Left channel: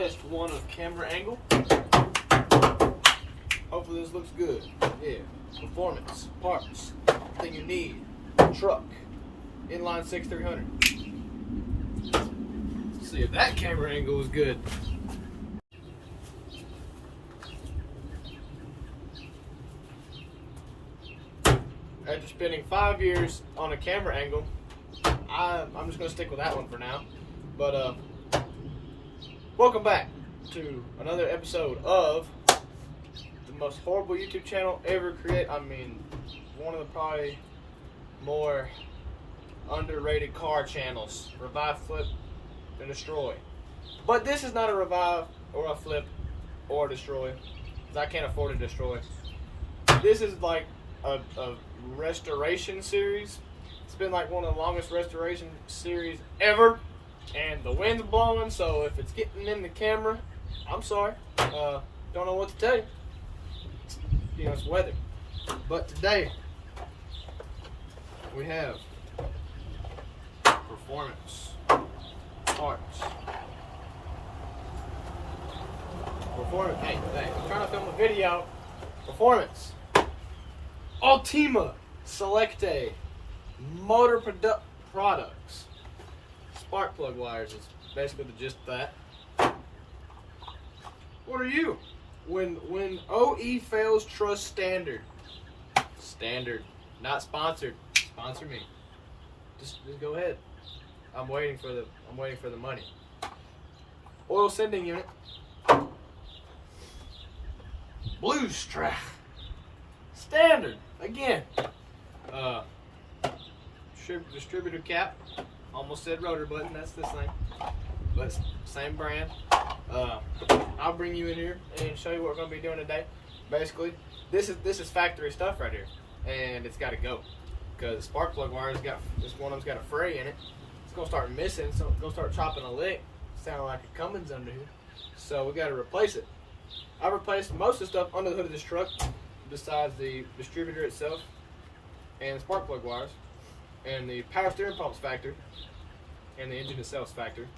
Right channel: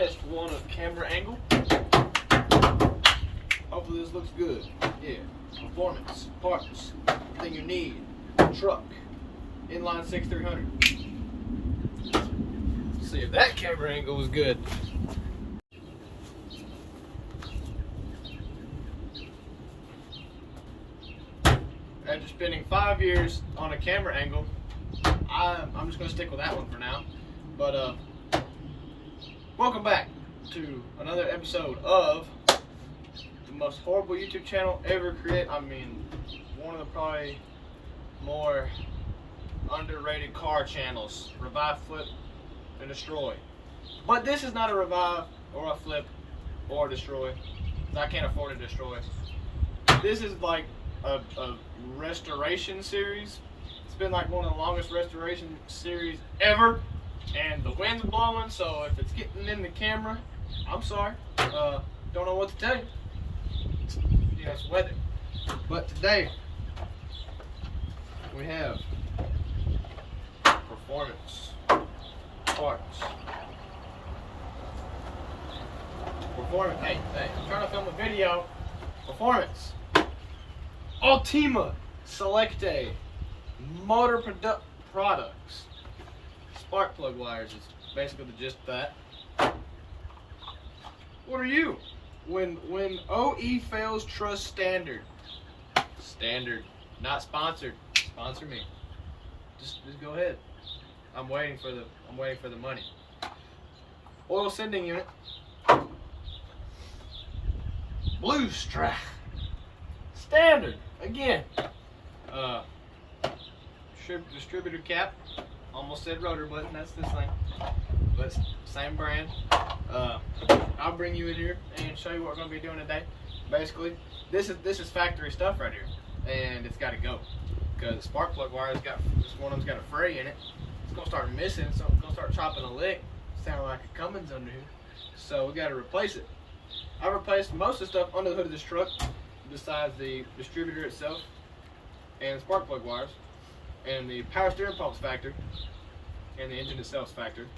test one of camera angle. Hopefully this looks good. Yeah, performance, parts, everything you need. Truck, inline 6300. Let's see if that camera angle is good. After spending 5 years on a camera angle, I'm just gonna stick with that one for now. But welcome back to another episode of the most horrible YouTube channel ever created. I mean, one of the probably more underrated car channels. Revive, flip, and destroy. But this is not a revive or a flip or a destroy, because I can't afford to destroy. This is like a restoration series. It's been like one of the longest restoration series ever, and the wind's blowing, so if it's getting in the camera, I'm sorry. Don't know what to tell you. You know, it's weather. But today we have performance parts. Performance. Hey, I'm trying to film a video. Performance. Ultima Selecte motor products. Spark plug wires is basically the gist of that. What are you? When OE fails, trust standard. Standard, not sponsored. Sponsor me. Just go ahead. I'm waiting for the money. Oil sending unit. Blue strap. Standard again. Distributor cap. Almost said rotor button. That's this thing, but same brand. I'll bring you in here and show you what we're gonna be doing today. Basically, this is factory stuff right here, and it's got to go because the spark plug wire has got this one of them's got a fray in it. It's gonna start missing, so it's gonna start chopping a lick. Sound like a Cummins under here, so we got to replace it. I replaced most of the stuff under the hood of this truck, besides the distributor itself and the spark plug wires, and the power steering pump's factory, and the engine itself's factory.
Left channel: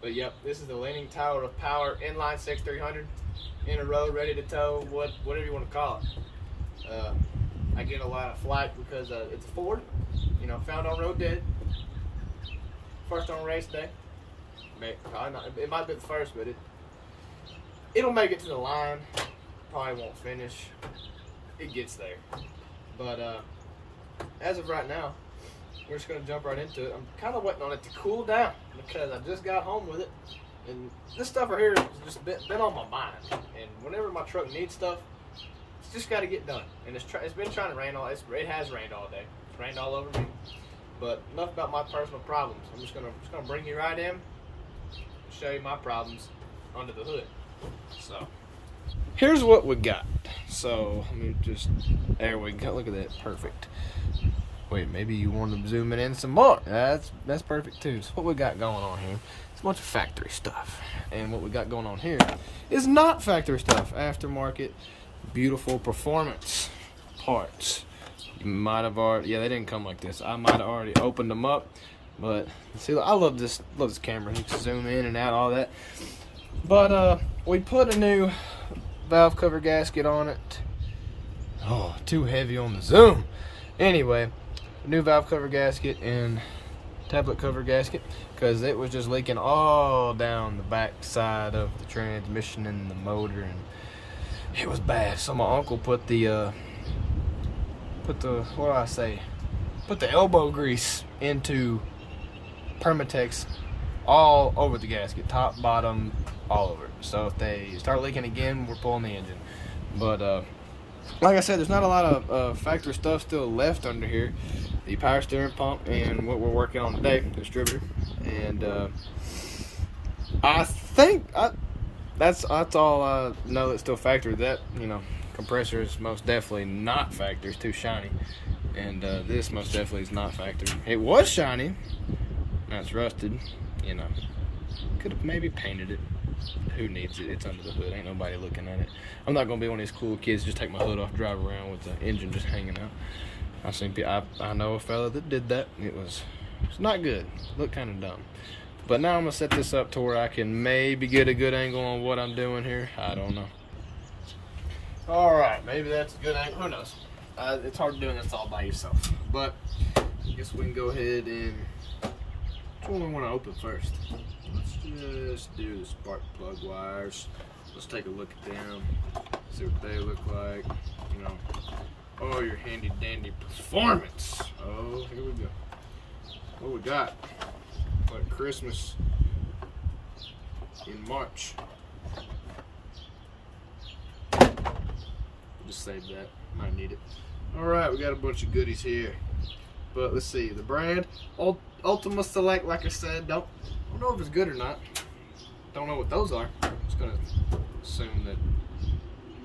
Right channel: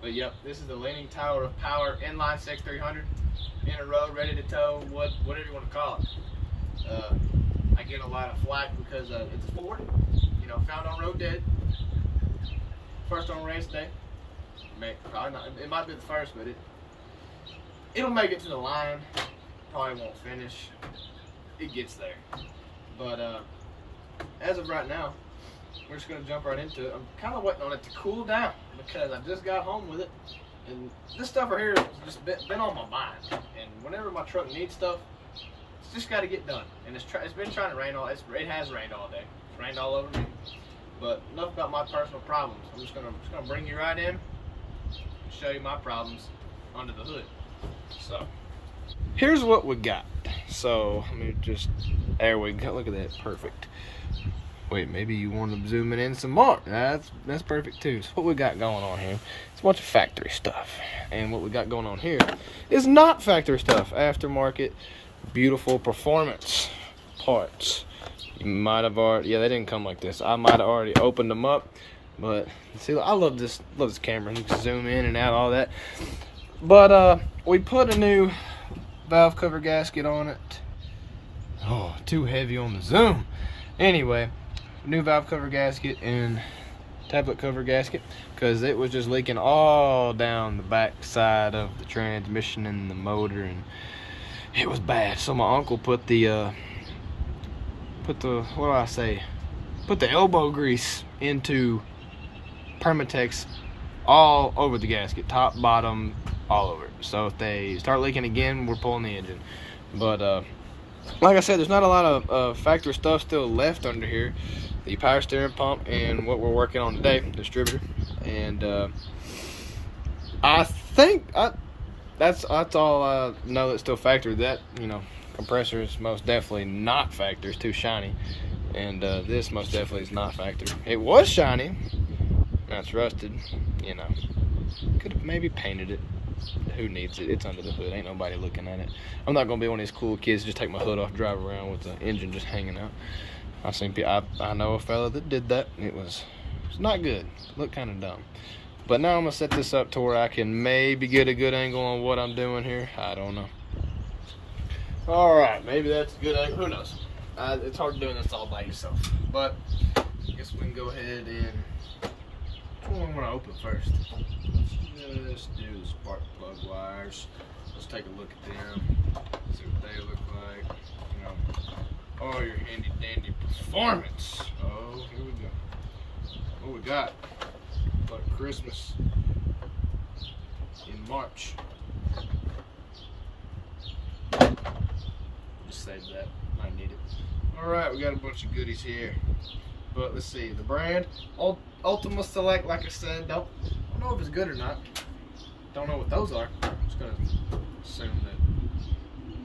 But yep, this is the leaning tower of power, inline 6300, in a row, ready to tow, whatever you want to call it. I get a lot of flack because it's a Ford, you know, found on road dead. First on race day. Probably not, it might be the first, but it'll make it to the line. Probably won't finish. It gets there. But as of right now, we're just gonna jump right into it. I'm kind of waiting on it to cool down because I just got home with it, and this stuff right here has just been on my mind. And whenever my truck needs stuff, it's just got to get done. And it's been trying to rain it has rained all day. It's rained all over me. But enough about my personal problems. I'm just gonna bring you right in and show you my problems under the hood. So here's what we got. So let me just, there we go. Look at that, perfect. Wait, maybe you want to zoom it in some more. That's perfect too. So what we got going on here, it's a bunch of factory stuff. And what we got going on here is not factory stuff. Aftermarket, beautiful performance parts. You might have already, yeah, they didn't come like this. I might have already opened them up, but see, I love this camera. You can zoom in and out, all that. But we put a new valve cover gasket on it. Oh, too heavy on the zoom. Anyway, new valve cover gasket and tablet cover gasket because it was just leaking all down the back side of the transmission and the motor, and it was bad. So my uncle put the what do I say? Put the elbow grease into Permatex all over the gasket, top, bottom, all over it. So if they start leaking again, we're pulling the engine. But like I said, there's not a lot of factory stuff still left under here. The power steering pump and what we're working on today, the distributor. And I think that's all I know that's still factory. That, you know, compressor is most definitely not factory. It's too shiny. And this most definitely is not factory. It was shiny. Now it's rusted. You know, could have maybe painted it. Who needs it? It's under the hood. Ain't nobody looking at it. I'm not gonna be one of these cool kids just take my hood off, drive around with the engine just hanging out. I know a fella that did that. It's not good. Looked kind of dumb. But now I'm gonna set this up to where I can maybe get a good angle on what I'm doing here. I don't know. All right, maybe that's a good angle. Who knows? It's hard doing this all by yourself. But I guess we can go ahead and, which one we want to open first? Let's just do the spark plug wires. Let's take a look at them, see what they look like. You know, oh, your handy dandy performance. Oh, here we go. What we got? Like Christmas in March. Just save that. Might need it. All right, we got a bunch of goodies here. But let's see. The brand Ultima Select. Like I said, don't know if it's good or not. Don't know what those are. I'm just gonna assume that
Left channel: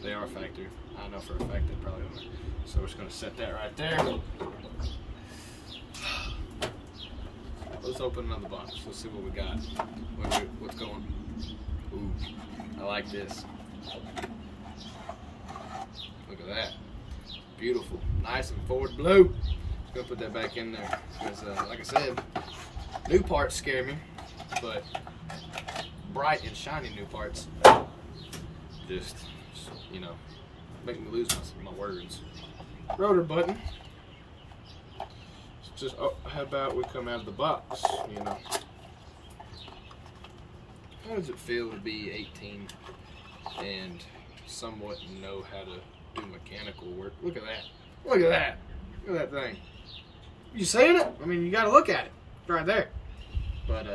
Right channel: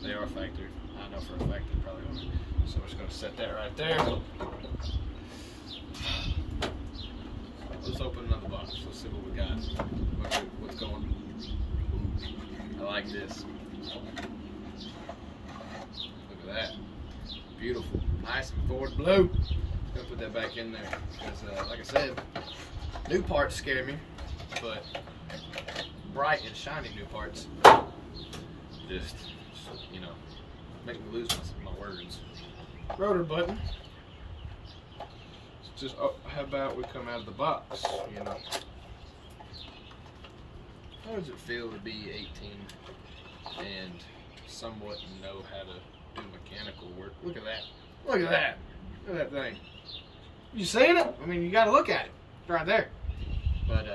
they are factory. I know for a fact they probably are. So we're just gonna set that right there. Let's open another box. Let's see what we got. What's going? Ooh, I like this. Look at that. Beautiful. Nice and forward blue. Just gonna put that back in there. Because, like I said, new parts scare me. But bright and shiny new parts just you know, make me lose my words. Rotor button. Just, oh, how about we come out of the box, you know? How does it feel to be 18 and somewhat know how to do mechanical work? Look at that. Look at that. Look at that thing. You seeing it? I mean, you gotta look at it. It's right there. But,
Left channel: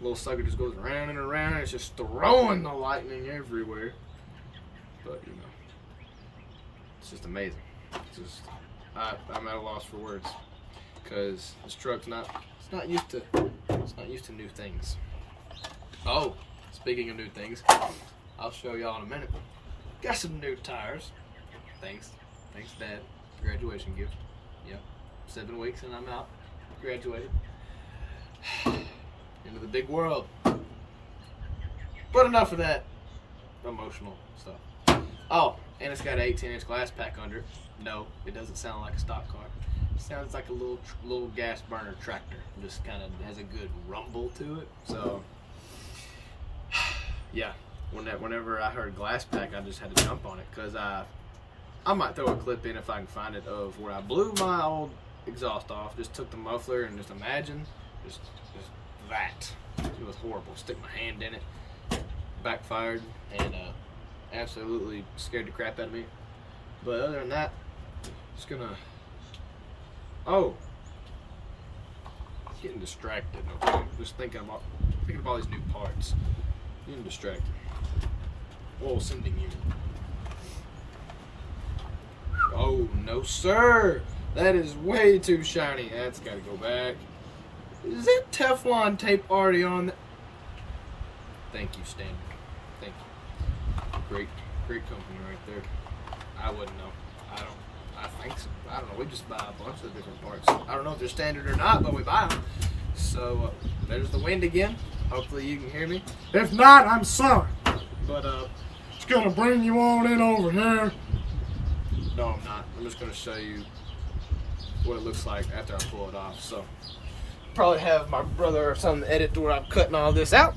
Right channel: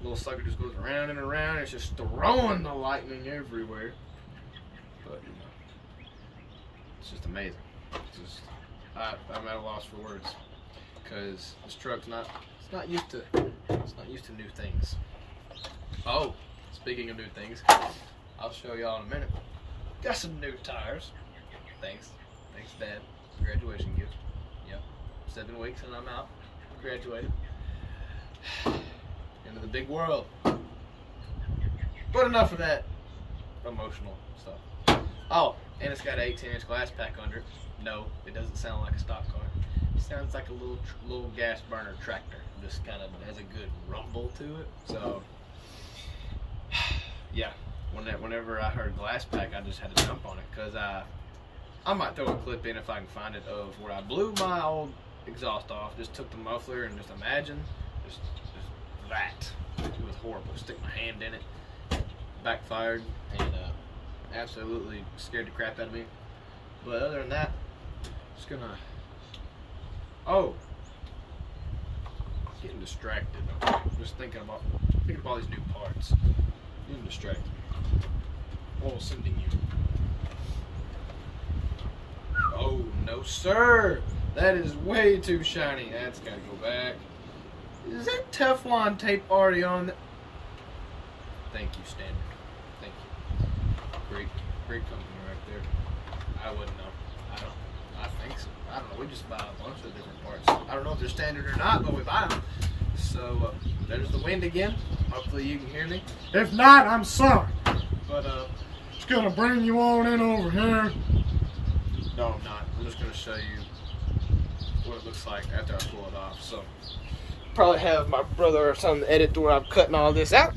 little sucker just goes around and around. It's just throwing the lightning everywhere. But, you know, it's just amazing. It's just, I'm at a loss for words. Because this truck's not used to new things. Oh, speaking of new things, I'll show y'all in a minute. Got some new tires. Thanks Dad. Graduation gift. Yep. 7 weeks and I'm out. Graduated. Into the big world. But enough of that emotional stuff. Oh, and it's got an 18-inch glass pack under it. No, it doesn't sound like a stock car. Sounds like a little gas burner tractor. Just kind of has a good rumble to it. So, yeah. Whenever I heard glass pack, I just had to jump on it because I might throw a clip in if I can find it of where I blew my old exhaust off. Just took the muffler and just imagine just that. It was horrible. Stick my hand in it, backfired, and absolutely scared the crap out of me. But other than that, just gonna. Oh, getting distracted. Okay, just thinking about all these new parts. Getting distracted. Oil sending unit. Oh no, sir! That is way too shiny. That's got to go back. Is that Teflon tape already on? Thank you, Standard. Thank you. Great company right there. I wouldn't know. I think so. I don't know. We just buy a bunch of different parts. I don't know if they're standard or not, but we buy them. So there's the wind again. Hopefully you can hear me. If not, I'm sorry. But just gonna bring you on in over here. No, I'm not. I'm just gonna show you what it looks like after I pull it off. So probably have my brother or something edit to where I'm cutting all this out.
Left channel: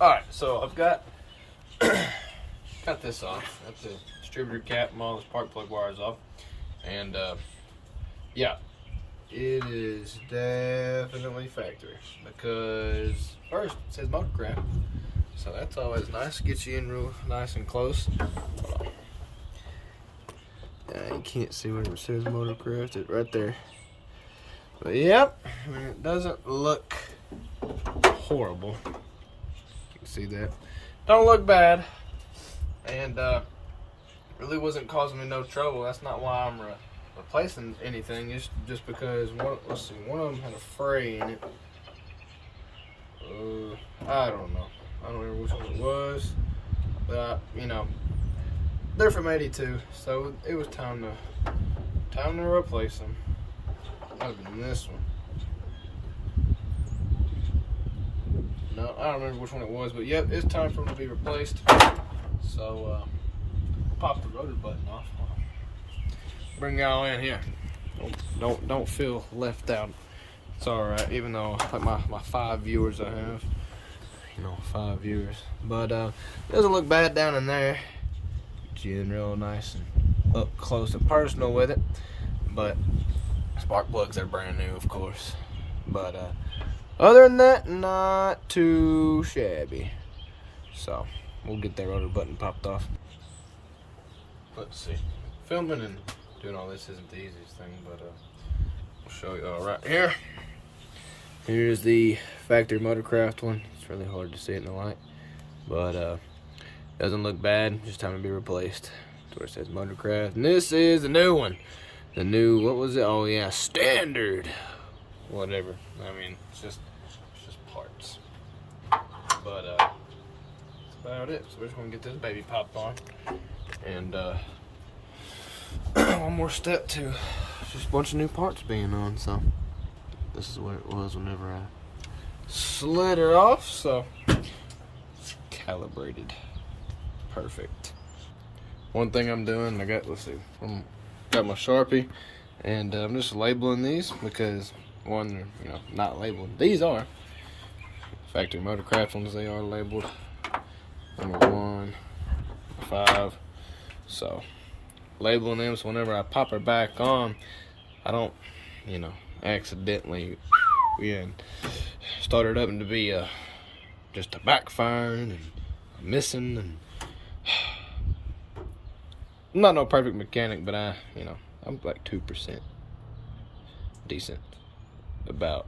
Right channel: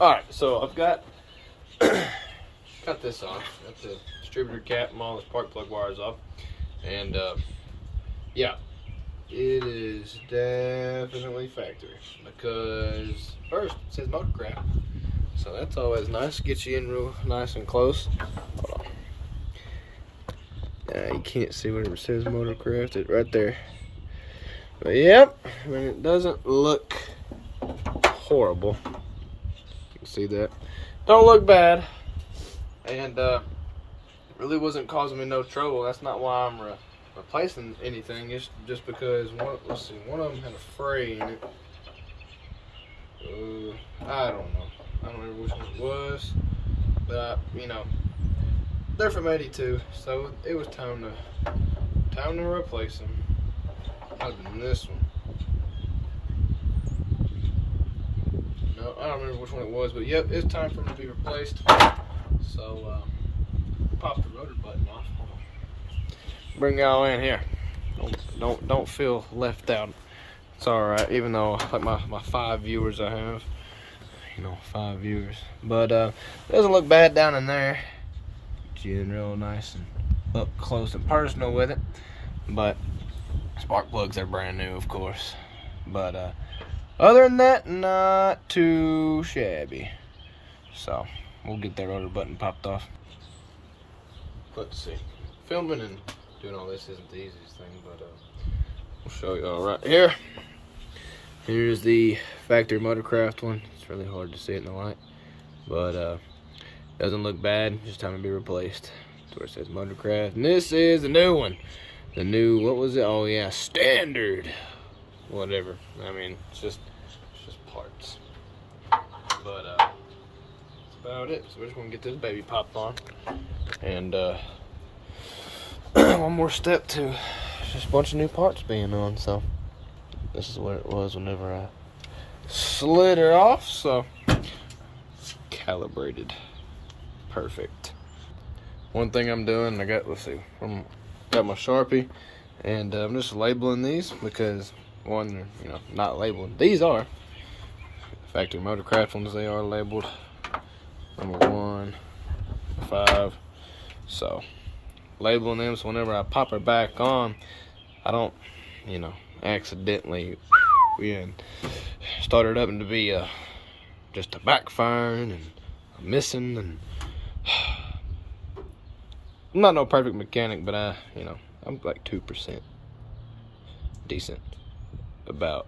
All right. So I've got cut this off. Got the distributor cap and all the spark plug wires off. And yeah, it is definitely factory because first it says Motorcraft, so that's always nice. Get you in real nice and close. You can't see where it says Motorcraft. It's right there. But yep, I mean, it doesn't look horrible. You can see that. Don't look bad, and really wasn't causing me no trouble. That's not why I'm replacing anything. It's just because one of them had a fray in it. I don't know. I don't remember which one it was, but you know, they're from '82, so it was time to replace them. Might have been this one. No, I don't remember which one it was, but yep, it's time for them to be replaced. So pop the rotor button off. Bring y'all in here. Don't feel left out. It's alright, even though like my 5 viewers I have. You know, 5 viewers. But it doesn't look bad down in there. Get you in real nice and up close and personal with it. But spark plugs are brand new, of course. But other than that, not too shabby. So we'll get that rotor button popped off. Let's see. Filming and doing all this isn't the easiest thing, but we'll show you all right here. Here's the factory Motorcraft one. It's really hard to see it in the light, but doesn't look bad. Just time to be replaced. That's where it says Motorcraft. And this is the new one. The new, what was it? Oh yeah, standard. Whatever. I mean, it's just parts. But that's about it. So we're just gonna get this baby popped on. And one more step to just a bunch of new parts being on. So this is what it was whenever I slid her off. So calibrated, perfect. One thing I'm doing, I got, let's see, got my Sharpie, and I'm just labeling these because one, they're, you know, not labeled. These are factory Motorcraft ones. They are labeled. Number 1, 5. So labeling them so whenever I pop her back on, I don't, you know, accidentally start it up into be just a backfiring and a missing. And I'm not no perfect mechanic, but I'm like 2% decent, about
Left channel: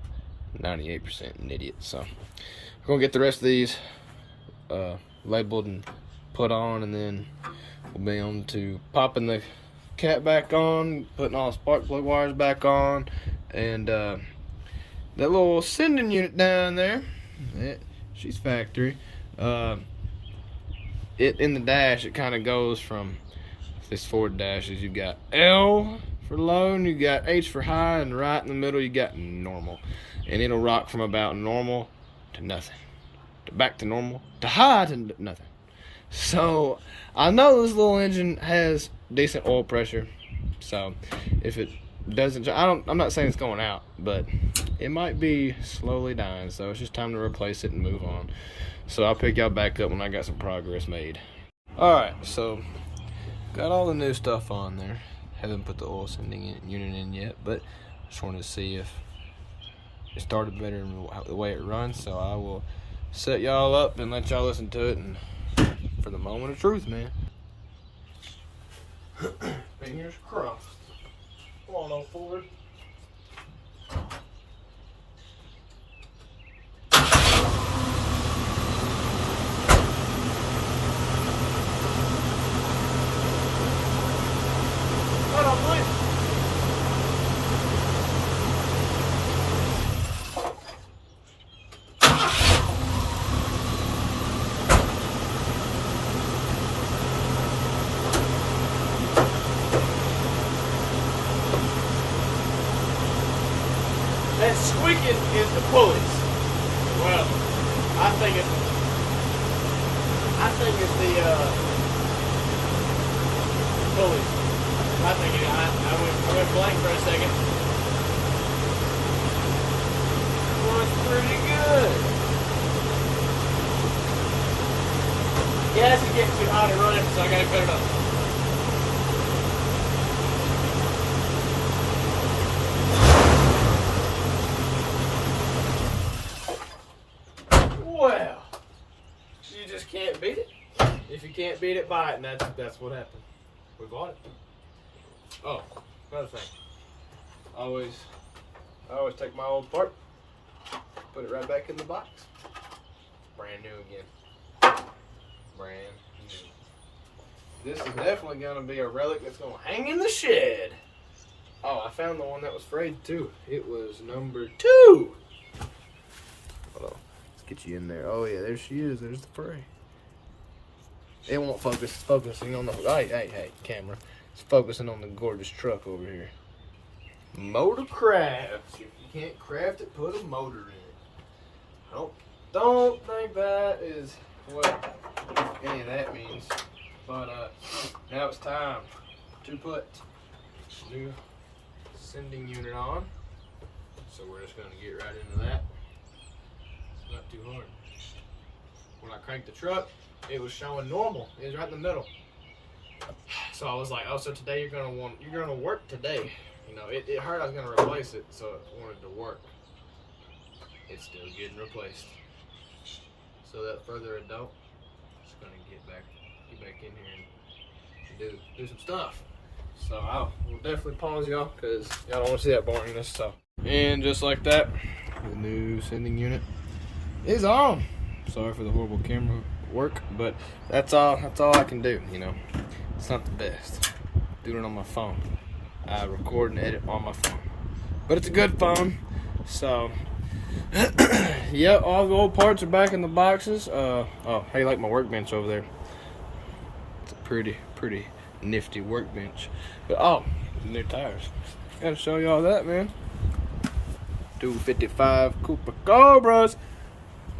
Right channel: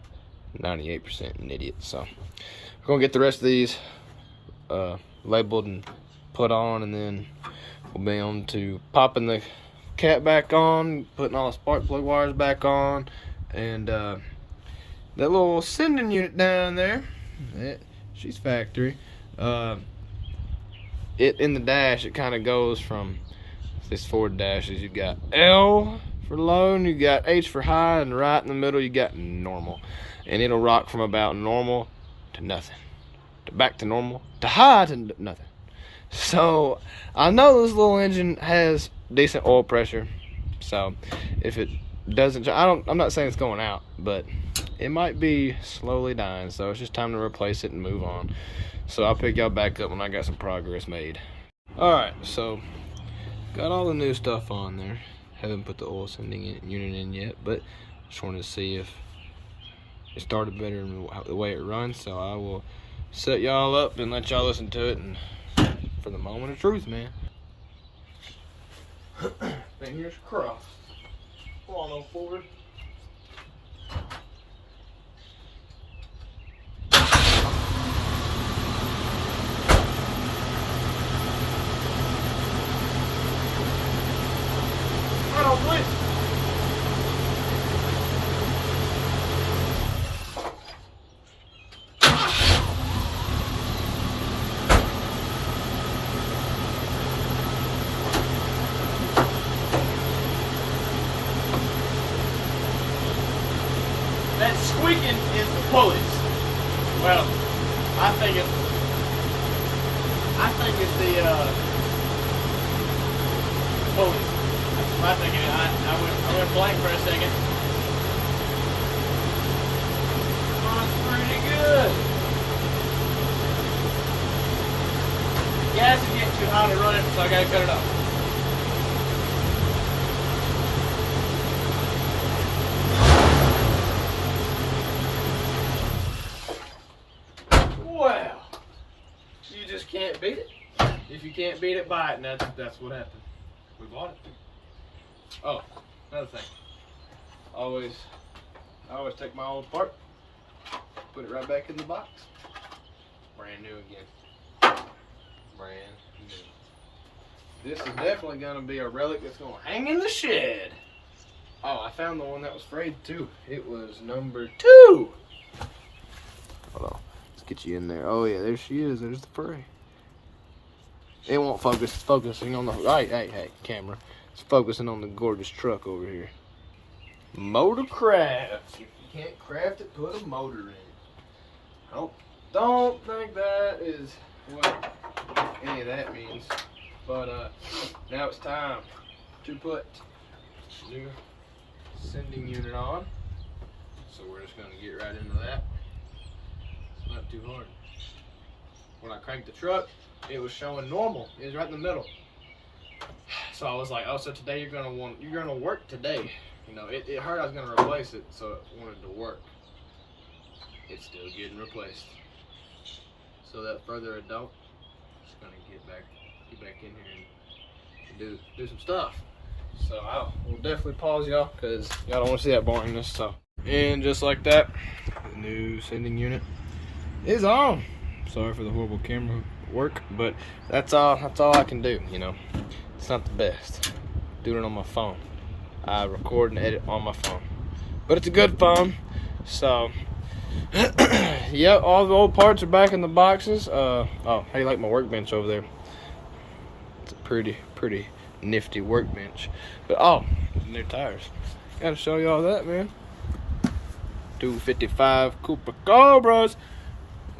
98% an idiot. So we're gonna get the rest of these labeled and put on, and then we'll be on to popping the cat back on, putting all the spark plug wires back on, and that little sending unit down there, she's factory. It in the dash, it kind of goes from this Ford dashes. You got L for low, and you got H for high, and right in the middle you got normal, and it'll rock from about normal to nothing, to back to normal, to high to nothing. So I know this little engine has decent oil pressure, so if it doesn't, I'm not saying it's going out, but it might be slowly dying. So it's just time to replace it and move on. So I'll pick y'all back up when I got some progress made. All right, so got all the new stuff on there. Haven't put the oil sending unit in yet, but just wanted to see if it started better than the way it runs. So I will set y'all up and let y'all listen to it, and for the moment of truth, man. Fingers crossed. Come on, old Ford. That squeaking is the pulleys. Well, I think it's the pulleys. I think I went blank for a second. Oh, it's pretty good. Gas is getting too hot to run, so I gotta cut it off. Well, you just can't beat it. If you can't beat it, buy it, and that's what happened. We bought it. Oh, another thing. I always take my old part, put it right back in the box. It's brand new again. Brand new. This is definitely gonna be a relic that's gonna hang in the shed. Oh, I found the one that was frayed too. It was number 2. Hold on. Get you in there. Oh yeah, there she is. There's the fray. It won't focus. It's focusing on the hey, camera. It's focusing on the gorgeous truck over here. Motorcraft. If you can't craft it, put a motor in. Don't think that is what any of that means. But now it's time to put new sending unit on. So we're just gonna get right into that. It's not too hard. When I cranked the truck, it was showing normal. It was right in the middle. So I was like, oh, so today you're gonna work today. You know, it heard I was gonna replace it, so it wanted to work. It's still getting replaced. So without further ado, just gonna get back in here and do some stuff. So we'll definitely pause y'all because y'all don't want to see that boringness. So, and just like that, the new sending unit is on. Sorry for the horrible camera work, but that's all I can do. You know, it's not the best. Doing it on my phone. I record and edit on my phone, but it's a good phone. So, yeah, all the old parts are back in the boxes. Oh, how you like my workbench over there? It's a pretty nifty workbench. But new tires. Gotta show you all that, man. 255 Cooper Cobras,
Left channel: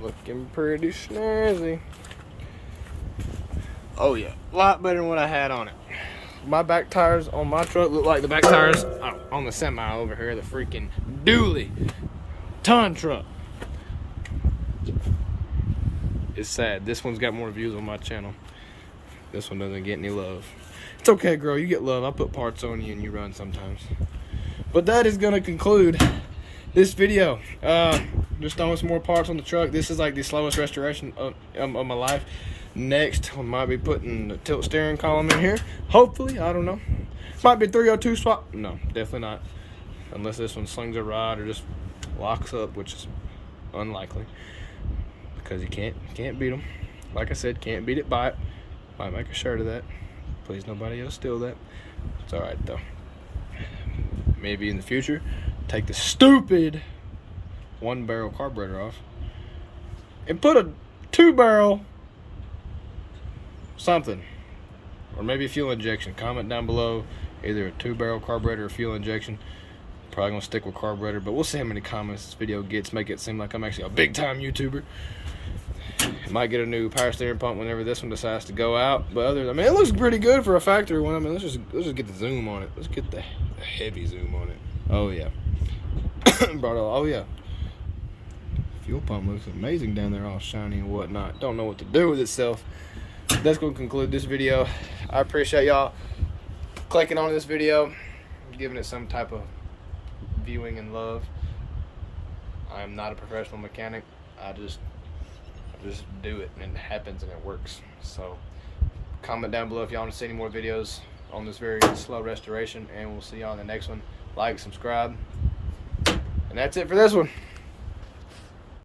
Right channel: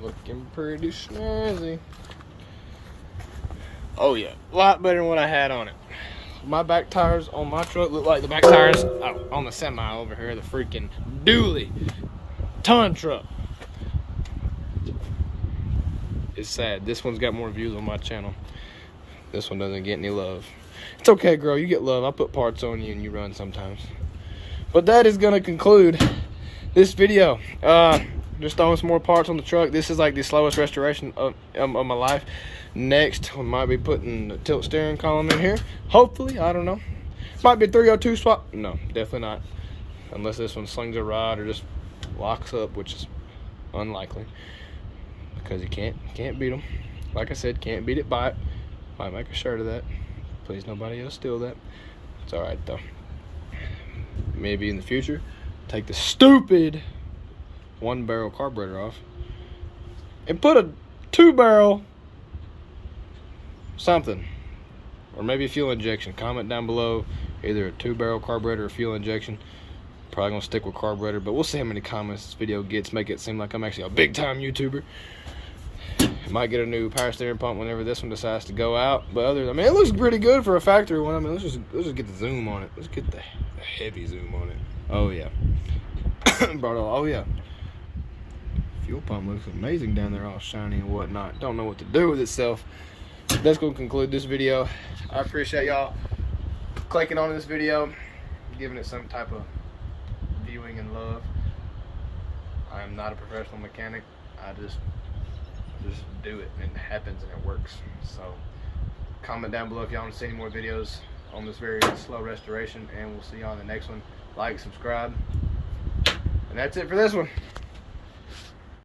looking pretty snazzy. Oh yeah, a lot better than what I had on it. My back tires on my truck look like the back tires on the semi over here, the freaking dually ton truck. It's sad. This one's got more views on my channel. This one doesn't get any love. It's okay, girl, you get love. I put parts on you and you run sometimes. But that is gonna conclude this video. Just throwing some more parts on the truck. This is like the slowest restoration of my life. Next, we might be putting the tilt steering column in here. Hopefully, I don't know. Might be a 302 swap. No, definitely not. Unless this one slings a rod or just locks up, which is unlikely. Because you can't beat them. Like I said, can't beat it by it. Might make a shirt of that. Please nobody else steal that. It's alright though. Maybe in the future, take the stupid 1-barrel carburetor off and put a 2-barrel something, or maybe fuel injection. Comment down below either a 2-barrel carburetor or fuel injection. Probably gonna stick with carburetor, but we'll see how many comments this video gets. Make it seem like I'm actually a big time YouTuber. Might get a new power steering pump whenever this one decides to go out. But I mean, it looks pretty good for a factory one. I mean, let's just get the zoom on it. Let's get the heavy zoom on it. Oh yeah. Oh yeah. Fuel pump looks amazing down there, all shiny and whatnot. Don't know what to do with itself. That's gonna conclude this video. I appreciate y'all clicking on this video, giving it some type of viewing and love. I am not a professional mechanic. I just do it and it happens and it works. So comment down below if y'all want to see any more videos on this very slow restoration, and we'll see y'all in the next one. Like, subscribe, and that's it for this one.